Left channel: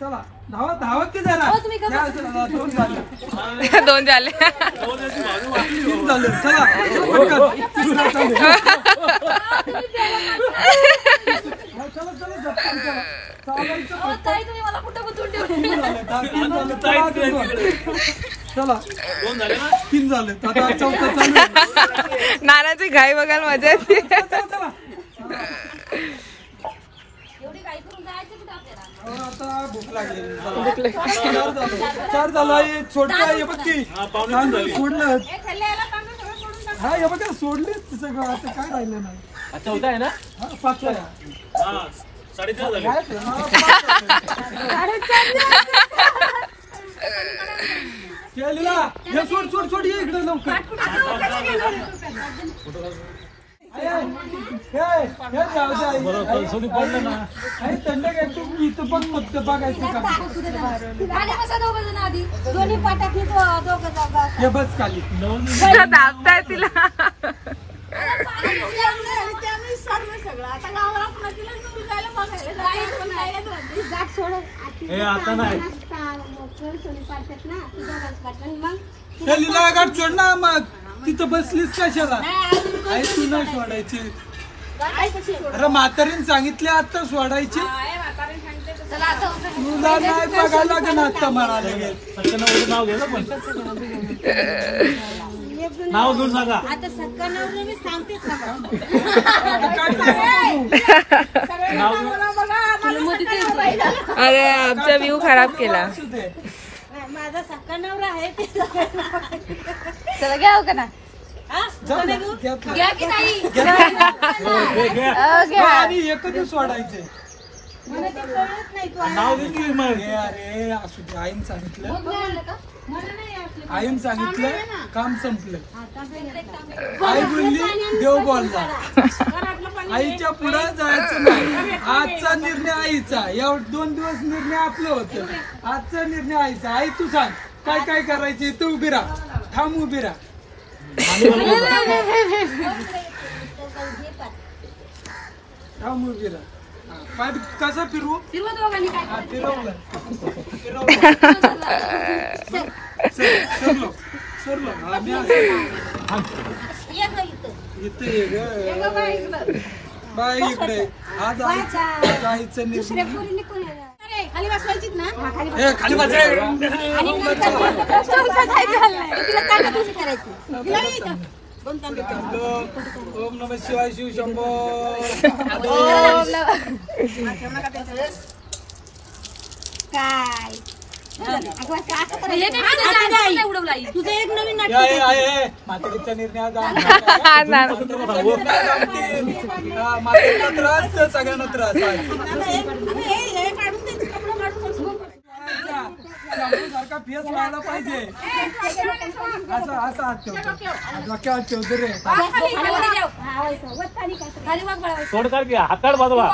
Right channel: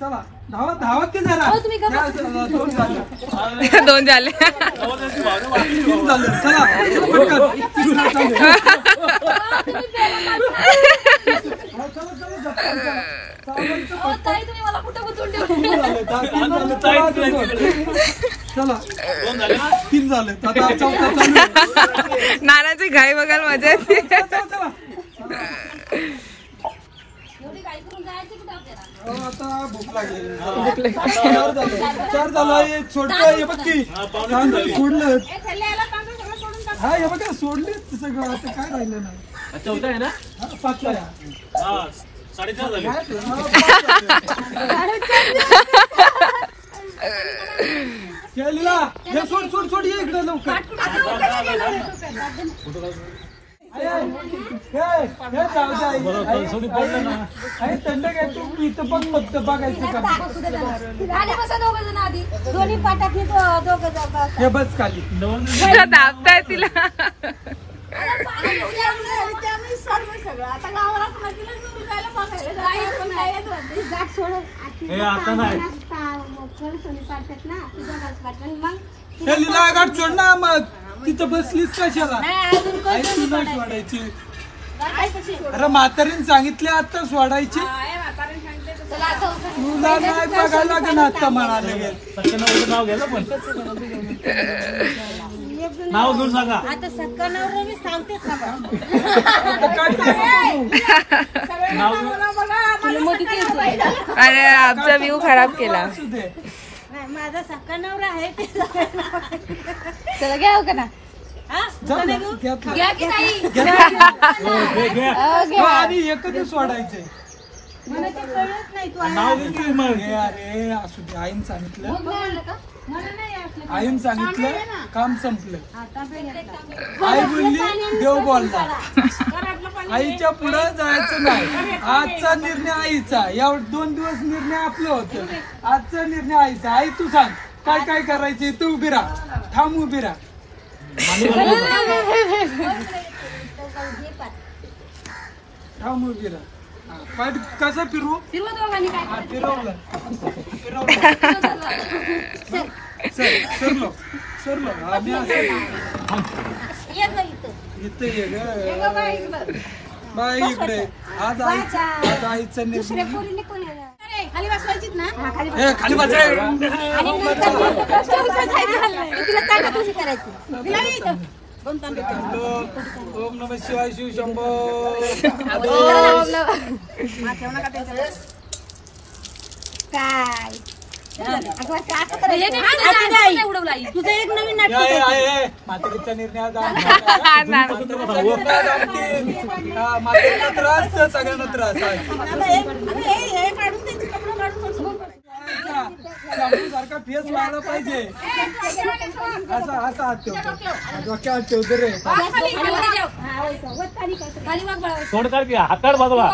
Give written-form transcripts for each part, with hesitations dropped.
चला धावत धावत की जरा दोन झाले दोन झाले तीन झाले चला पटकन तिसरा चालू चला चला ताई तुम्ही मला कुठे गुंतवून ठेवले चला तीन झाले आता चौथा चालू नानाची घाई बघायला मजा येते आता भूक लागली चार झालं आहे छोटं हे बघ की सोडलं हा हे बघ सोडले सगळं आता काय राहिलं नाही चौथा आहे ना पाचवा आहे 4.5 झाले केलेला हे सोड सोड सोड ये इकडे लवकर थंड घ्यायचं इथं पण फक्त बघायचं हे बस खाली दाबताय तिला आता नाही गाठ सोड ना मग तिथं बसलीच कशाला तू नाही सोडायची अरे म्हातारीने सांगितले आता सोडायची आता म्हणाले नाव घ्या ना पण नाव घेऊन सांगा अरे आमचा व्ह्यू खराब केला चला घ्या का ना सोडायचे अरे असू दे आईन सांगितलं काम संपलं आई बोलली देव बोलला आईच्या पुढे जायचं नाही आजचा निर्णय आईचा एवढे 2 दिवस निर्णय आपले होते आजचा निर्णय आईचा आई तू सांग काय काय करायचे तू उभी राहा थांब उभी राहा थांब उभी राहा काय कसं फिरू फिरवलं सरलो सरलो आम्ही इथं ये ग बाई इकडे आज आईचा निर्णय खाली ओम नमः शिवाय शिव शंभो तुझं एक नवीन म्हातारीचा निर्णय म्हातारीला त्रास सगळ्यांना त्रास सारखा फेस व्हायला पाहिजे असं असं हात ठेवतो डोक्यावर ठेवतो रे हाताळ बाजूला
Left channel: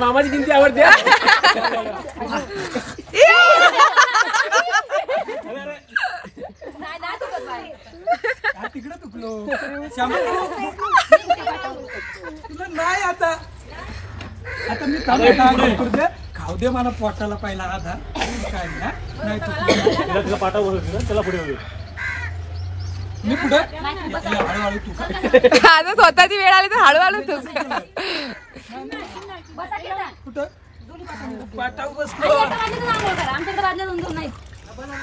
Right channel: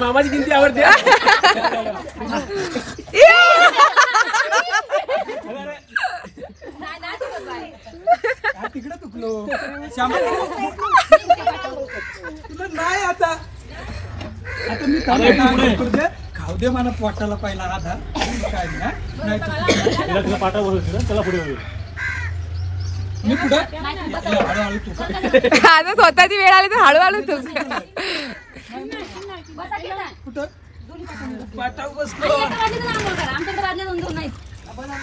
मामाची किंमती आवडते तिकडे चुकलो तुला नाही आता आता मी खाऊ दे मला पोटाला पहिला आधार काय नाही तुला पाठावर त्याला पुढे मी पुढे हळूहळू तू आता स्वतःची वेळ आली तर हळूहळू तू कुठं पाठावर बसलो आमच्याकडे वाजले 2 नाही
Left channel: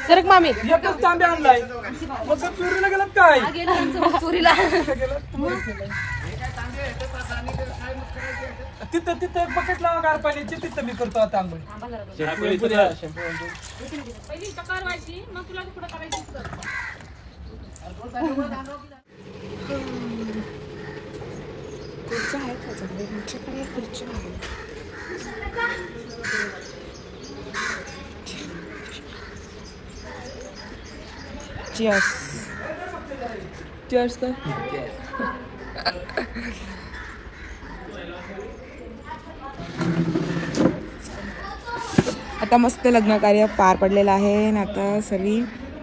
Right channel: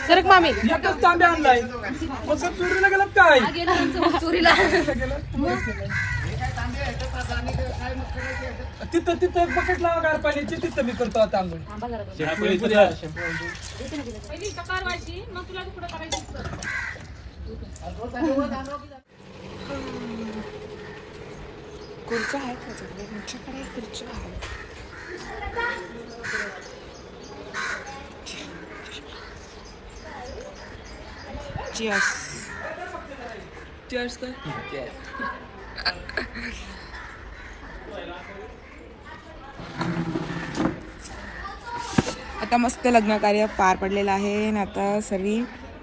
सरक मामी एकच तांबे आणलाय मग चोरीला गेलं काय चोरीला तिथं तिथं बकेट लावा गार पाण्याची तिथं मी करतो आता आंघोळ खुर्च्या आहेत का तुमच्याकडे खुर्च्या आहे चिअर्स. चिअर्स कर. आता मस्त लग्न कार्य पार पडलेलं आहे आणि आता सर्व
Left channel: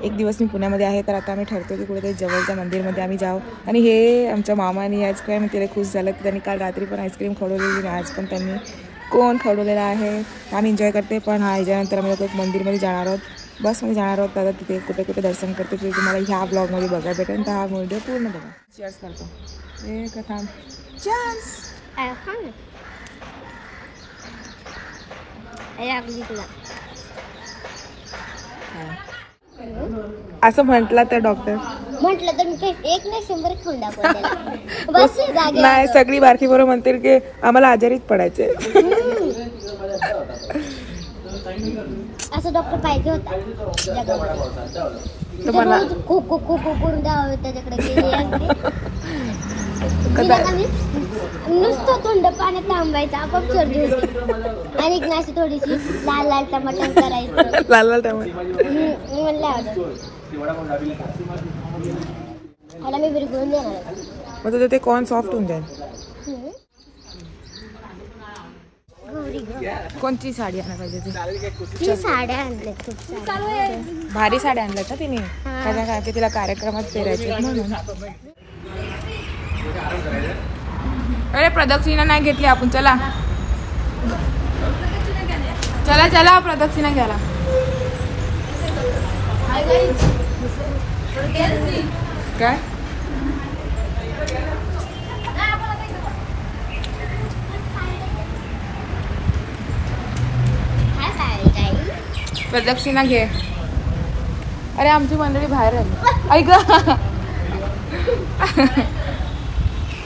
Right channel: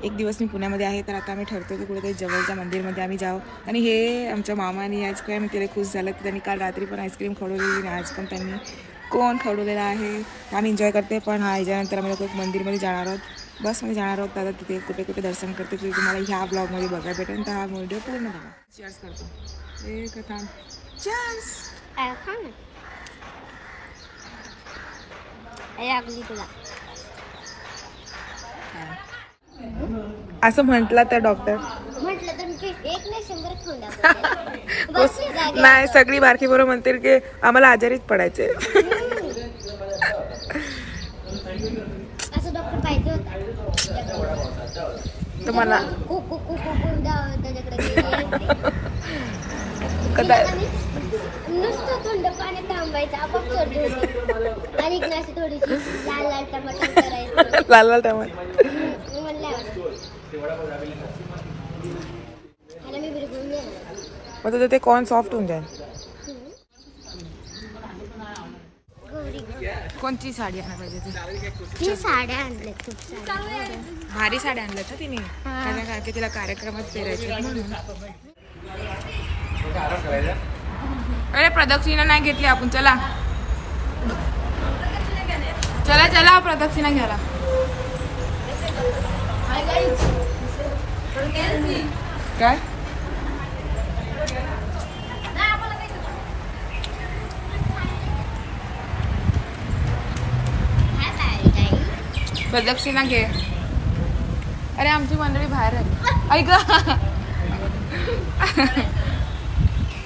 एक दिवस मी पुण्यामध्ये आहे, तर आता आम्ही ठरतो की कुठेतरी जवळच्या मंदिरमध्ये आम्ही जाऊ. आणि हे आमच्या मामाने आईस्क्रीम तिला खुश झालं की त्यांनी काल रात्री पण आईस्क्रीम खवडवलेली आणि आज पण त्यांनी कोण खवडवलेला आहे. आम्ही एन्जॉय करते. पण हा याच्यानंतर आम्ही लोक एक मंदिरमध्ये जाणार आहोत, बसमध्ये जाणार आहोत. आता तिथे कुठे कुठे दर्शन करते ते तुम्हाला ह्या ब्लॉगमध्ये बघायला भेटेल. तर हा व्हिडिओ पूर्ण बघा. चीअर्स करतो. एक थांब. चीअर्स. असं म्हटलं तर डॉक्टर म्हटलं तर मी एक नाही 100 खाऊन दाखवते. नाही, सगळी बारकी बरोबर म्हणतील की आम्हाला आजारीच पडायचे. असं डॉक्टर पाहिजे होता जगामध्ये. तुम्हाला खूप खूप खूप खूप गाव त्याच्याकडे नुसतं थंड पाण्यात थांबायचं, आपोआप सर्दी होती. आणि अशी थोडीशी लाल लाल टमाटर करायचं. लाल लाल टमाटर मला मी बिरगुळून देणार. मग ते कॉर्न सॉफ्ट होऊन जाईल. कोणती साडी आणायला पाहिजे? ती साड्या आणल्या खूप साड्या, भारी साड्या आणल्यात ना तिने, कारण की तिला कार्यक्रमात पेरायचे म्हणून. अरे प्रदक्षिणा नाही घेतली आपण. चला चला चला प्रदक्षिणा घ्यायला. काय प्रदक्षिणा घे. अरे आमची मंडळी बाहेर आहे. ऐक.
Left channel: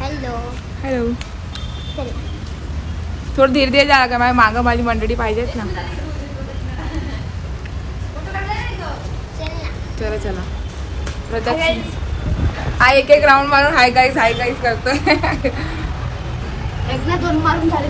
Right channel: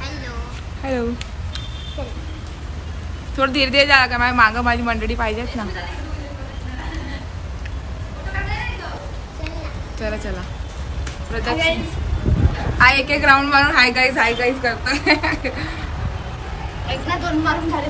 Hello hello. थोडं धीरे धीरे जा का, मागं माझी मंडळी पाहिजेत ना. चला चला प्रदक्षिणा. हा एक एक राऊंड मारून हाय गाईज करतोय. एक ना 2 मारून झाले.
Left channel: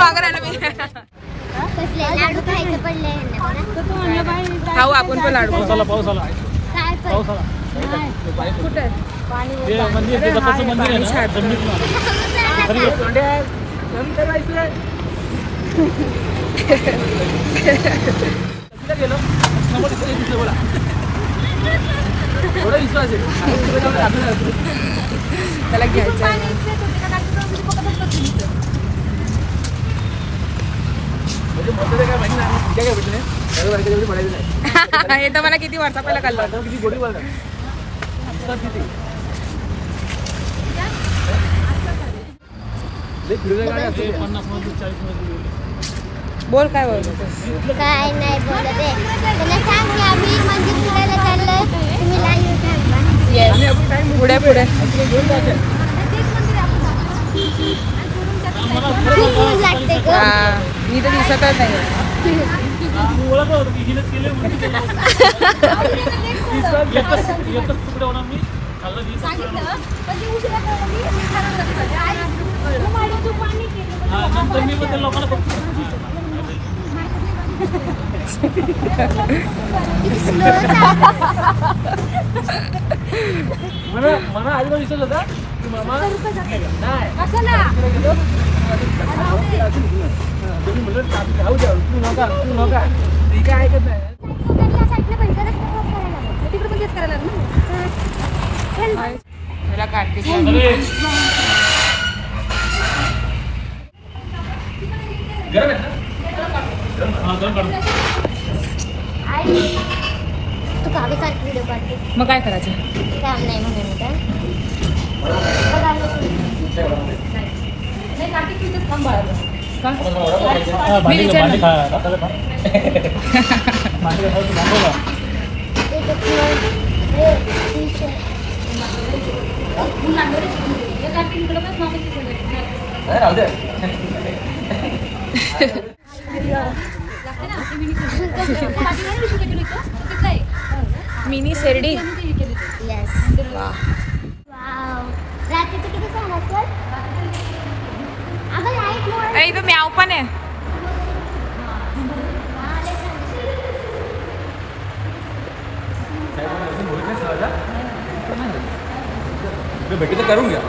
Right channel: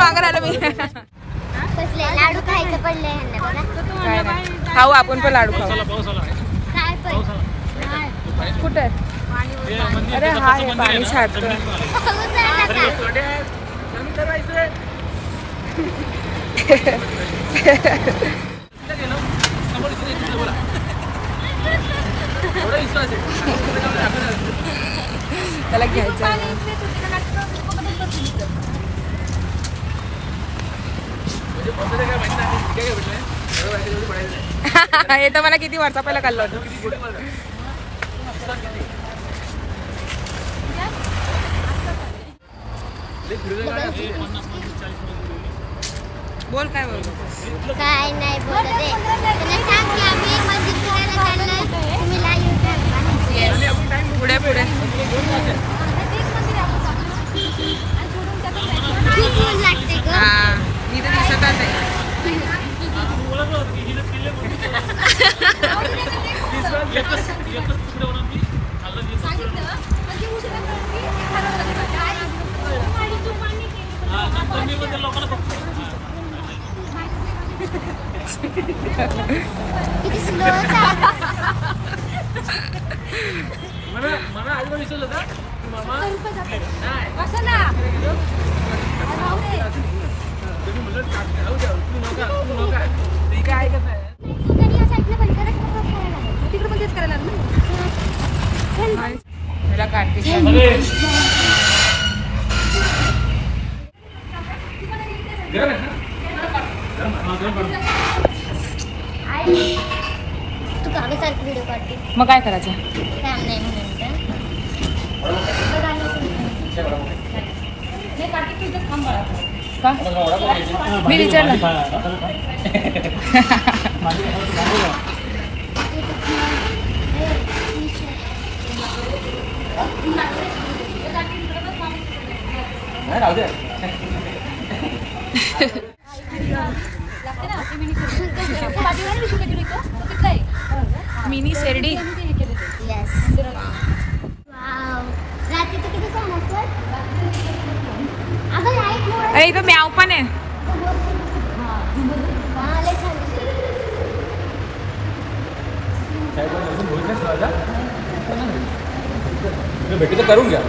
मागं राहिलं मी. खाऊ आपण पण लाडू. पाऊस आला, पाऊस आला, पाऊस आला. कुठे ते मंदिर, ते दत्ताचं मंदिर आहे ना, जमिनीतून आलं. खरी गोष्ट. तिला गेलो समोर दिसलं बोला. थोडा विश्वास आहे त्याला घ्यायचं. हे तर मला किती वर्षा पहिला काढलं. किती गोडी बोलतात. बोल काय बोलतो. काय नाही बोलत आहे. त्याला सांग की आम्ही मंदिर फिरायला चाललोय, तुम्ही लाईव्ह थांबा. पुढे पुढे खूप ऊन लागते ग. हा मी तर दिसतच नाही. एकच तुकडे होणार मी लोकांना मला आजोबा विचारलं होता की मामा तुम्ही म्हणलं जाऊ द्या, तू नका ती काय ऐकत नाही. मला कार्तिक तू कागदासारखी व्हिडिओ काढते. मग काय करायचं. काम नाही म्हणून का मी विचारलं. मिनी शेरडी. अरे इथं म्याव पण आहे. भेटू तर करून घ्या.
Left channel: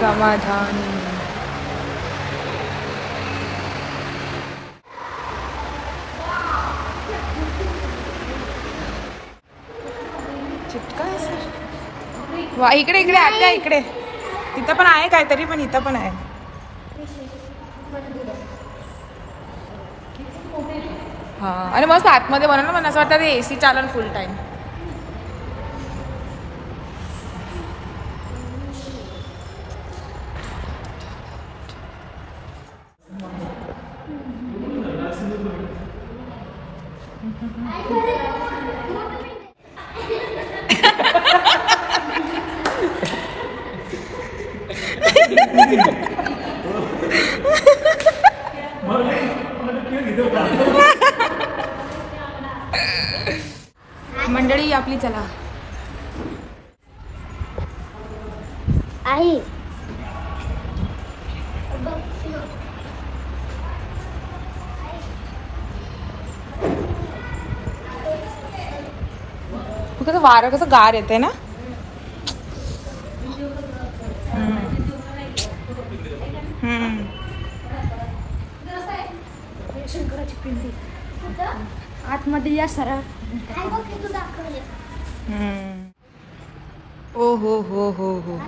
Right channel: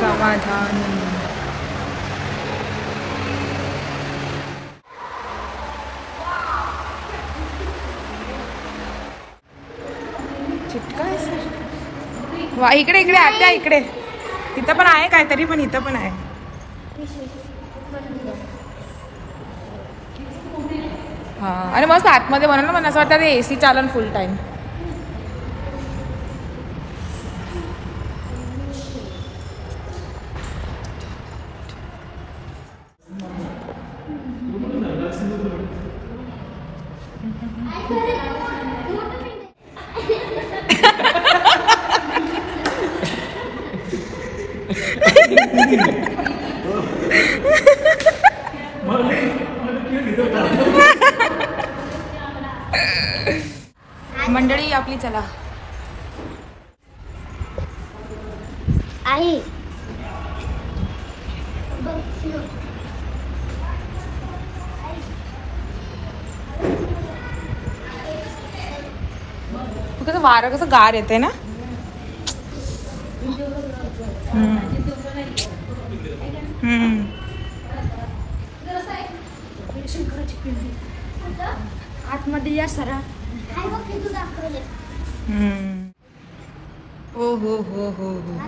समाधान. वा इकडे इकडे आत्या इकडे. इथं पण आहे काहीतरी, पण इथं पण आहे. हा आणि मस्त आतमध्ये बनवलं. मला असं वाटतं ते AC चालन फुल टाइम. मंडळी आपली चला. आई कसं वारं कसं गार येते ना. आतमध्ये या सरळ. ओ हो हो हो हो.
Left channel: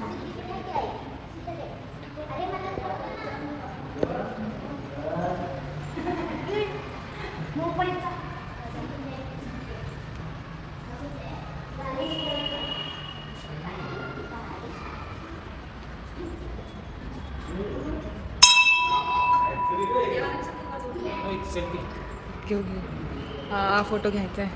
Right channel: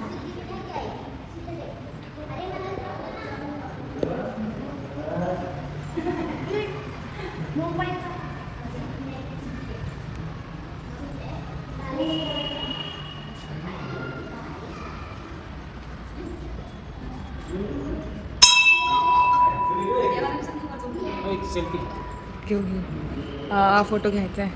घेऊ घेऊ. हा फोटो घ्यायचा आहे.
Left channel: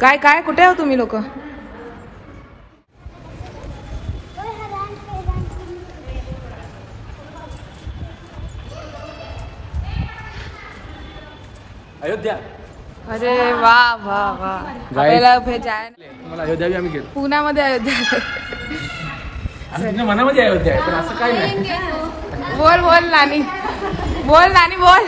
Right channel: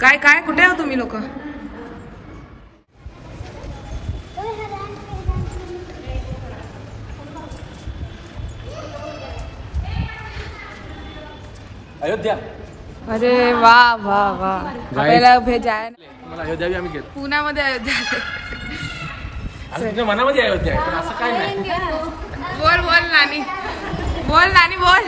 काय काय कुठे आहो तुम्ही लोक? अयोध्या. अरे वा वा वा. आपल्याला भेजाय मला अयोध्या बी आम्ही गेलो. पुण्यामध्ये अयोध्या. तुमच्या मनामध्ये अयोध्या आहे पण असं काय नाही. बोल बोल नानी. बोल नानी बोल.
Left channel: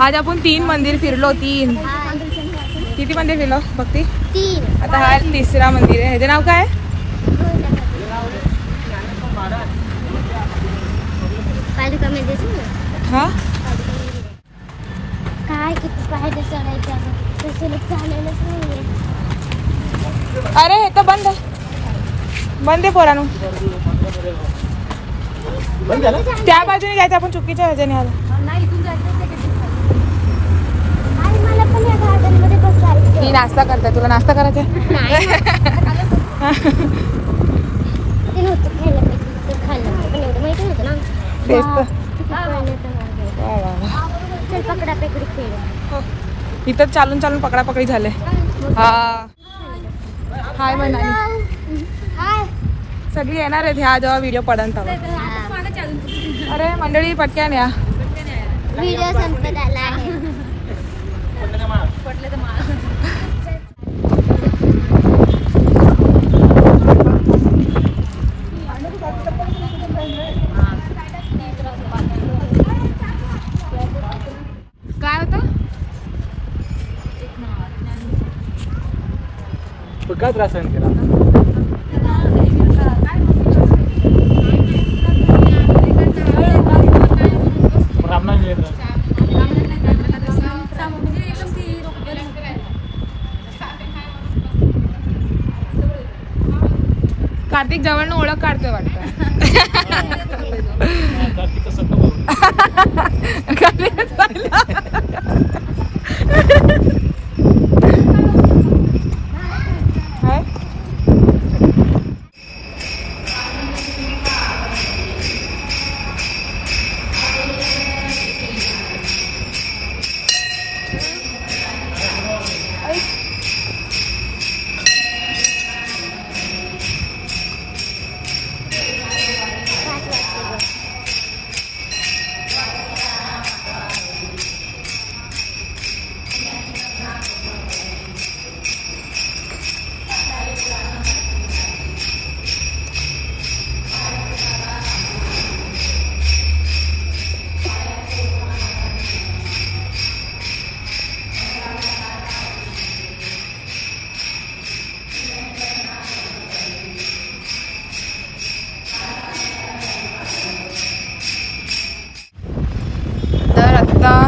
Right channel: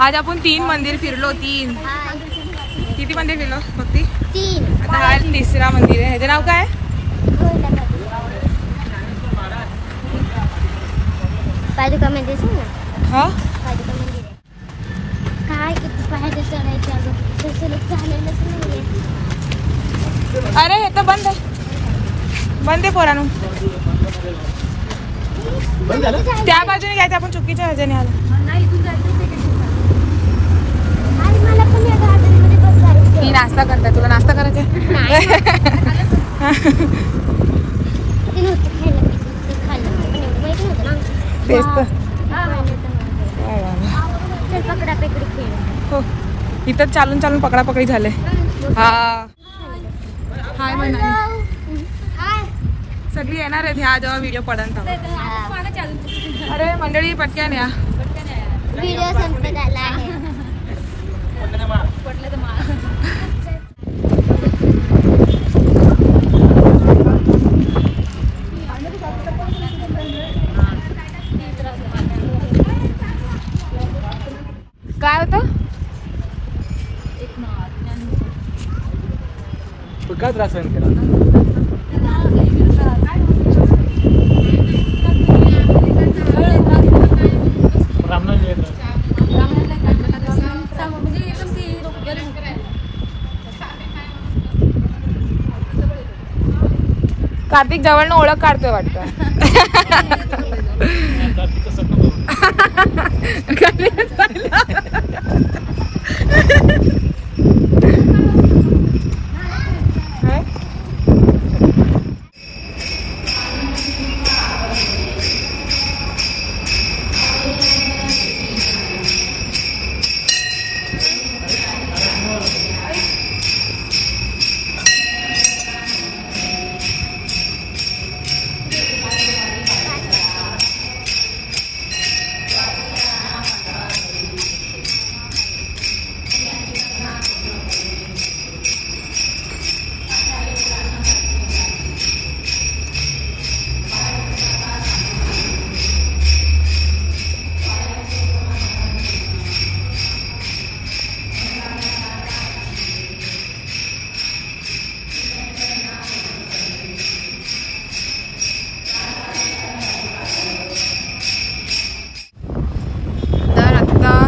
आज आपण 3 मंदिर फिरलो. 3 किती मंदिर फिरलो भक्ती? 3. आता हा 3रा मंदिर आहे. ह्याचं नाव काय? हा अरे हे तर बंद आहे. बंद आहे पोरांनो. त्या बाजूने जायचं आपण. चुकीच्या ह्याच्याने आलो. ही नाश्ता करताय. तुला नाश्ता करायचा? तेच तर. इथं चालून चालून पकडापकडी झाले. हा हाय म्हणाली. सगळी येणार आहेत ह्या जेव्हा व्हिडिओ पडन तेव्हा. अरे मंडळी पटक्यान या. व्हिडिओ संपत आला. इतका त्रास सहन केला. कार्तिक जवळनं ओळख काढतोय वाटतं.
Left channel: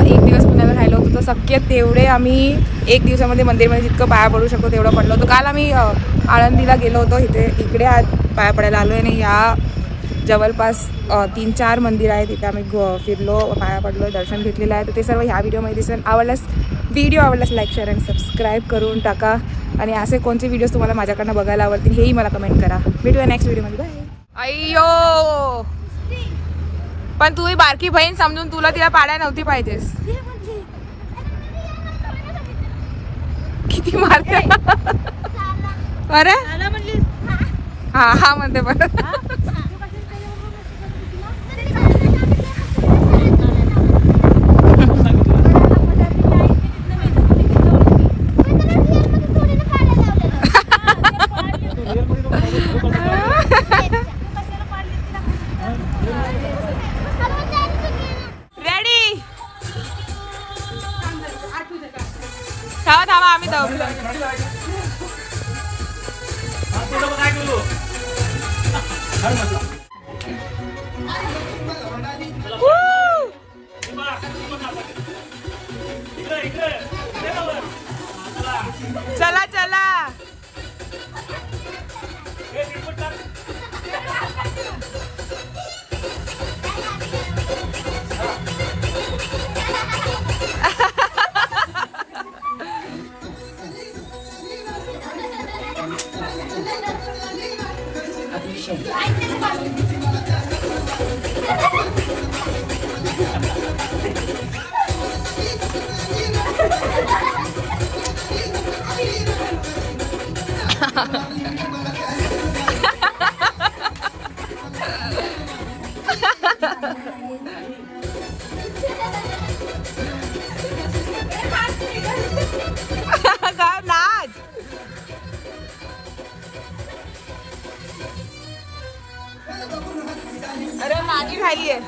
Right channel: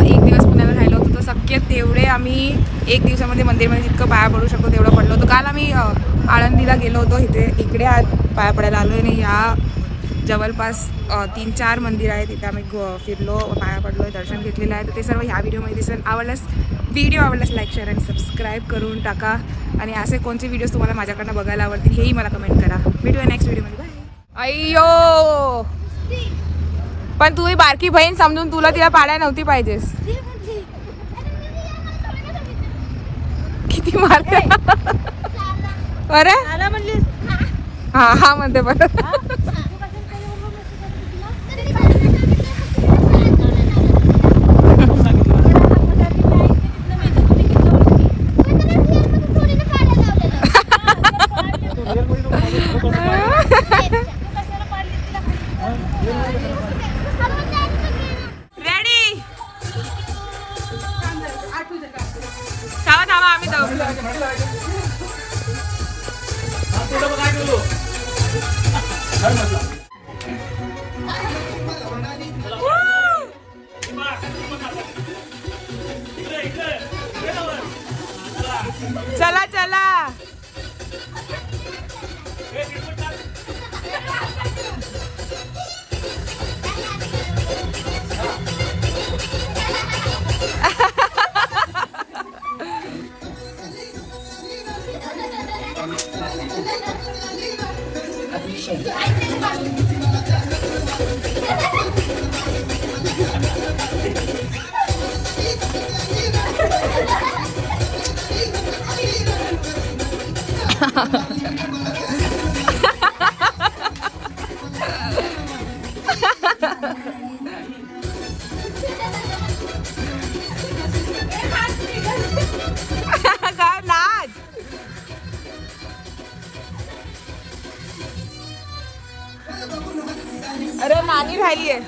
एक दिवस पुण्याला राहिलो होतो तर शक्य तेवढे आम्ही एक दिवसामध्ये मंदिरमध्ये जितकं पाया पडू शकतो तेवढं पडलो होतो. काल आम्ही आळंदीला गेलो होतो, इकडे आज पाया पडायला आलो आहे. आणि या जवळपास 3-4 मंदिर आहे तिथे आम्ही फिरलो, पाया पडलो, दर्शन घेतलेलं आहे. तर ते सर्व ह्या व्हिडिओमध्ये दिसेल. व्हिडिओ आवडल्यास लाईक शेअर आणि सबस्क्राईब करून टाका. आणि असे कोणते व्हिडिओज तुम्हाला माझ्याकडनं बघायला आवडतील हेही मला कमेंट करा. भेटूया नेक्स्ट व्हिडिओमध्ये. बाय. अय्यो पण तुम्ही बारकी बहीण समजून तुला तिला पाळायला नव्हती पाहिजेस. किती मारते अरे. हा म्हणते बरं. थांबा आम्ही जाऊ. चला चला. अरे नानी राहिली आहे.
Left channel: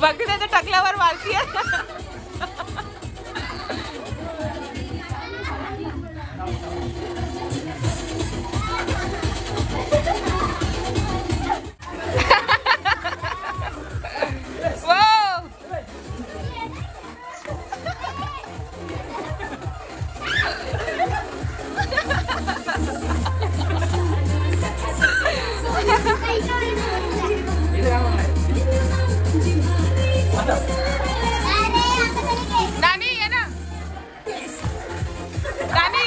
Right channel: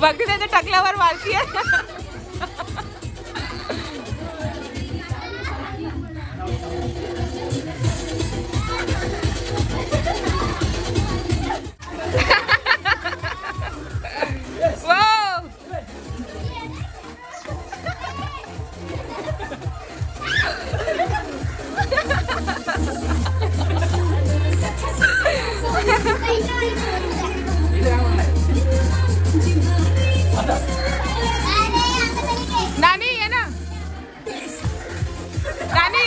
बघ त्याच्या टकल्यावर मारतीये. नानी ये ना नानी.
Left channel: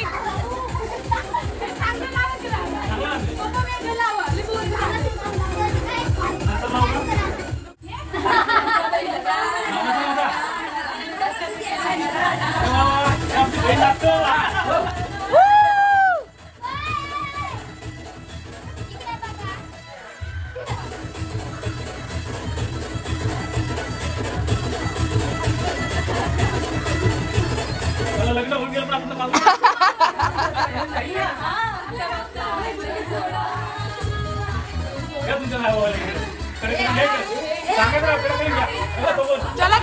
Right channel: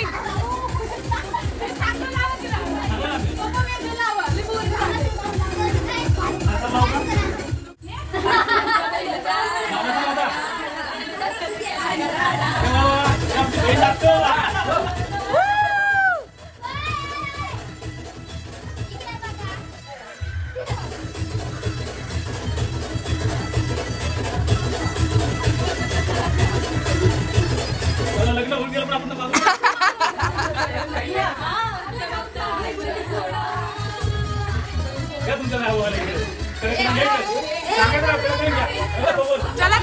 लग्न होऊन गेलं पण आपण तुमच्या नावावर चला